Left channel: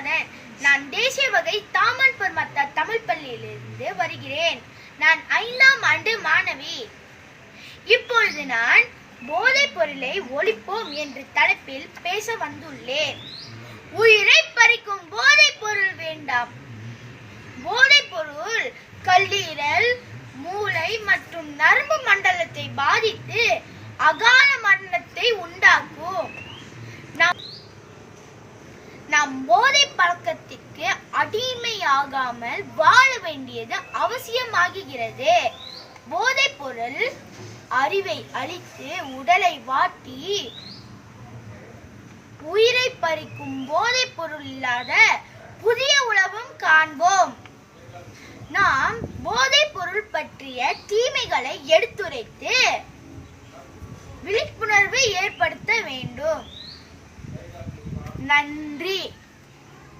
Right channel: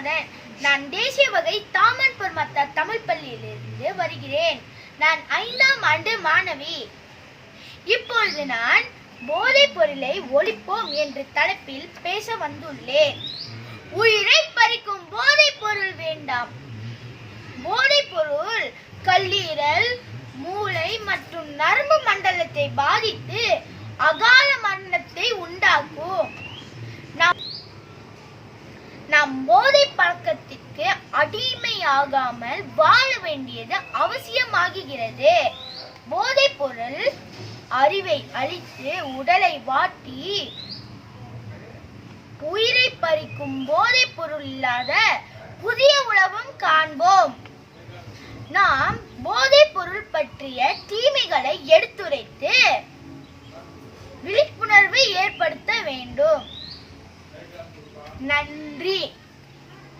என் நான் தேசிய வகை தாமன்பூர் பொருமத்த தமிழ் பள்ளியிலிருந்து வருகிறேன். நான் ஐந்தாம் ஆண்டு மாணவி. இப்பொழுது நான் போதைப் பொருளை ஒழிப்போம் என்ற தலைப்பில் பேச வந்துள்ளேன். உயிரை பறிக்கும் போதைப் பொருள் வேண்டாம். போதைப் பொருள் கல்லீரல் மூளை மற்றும் நரம்பு மண்டலத்தை பாதித்து நாம் போதை பழக்கத்திற்கு அடிமையாகாமல் வாழ வேண்டியது அவசியமாகிறது. போதைப் பொருள் அறிவை அழித்து உடலை வாட்டி உயிரை பறிக்கும் போதைப் பொருள் இல்லாத புதிய உலகம் காண்போம். நாம் போதைப் பொருள் பற்றிய தீமைகளை எடுத்துரைத்து விழிப்புணர்வை ஏற்படுத்த வேண்டும். நன்றி.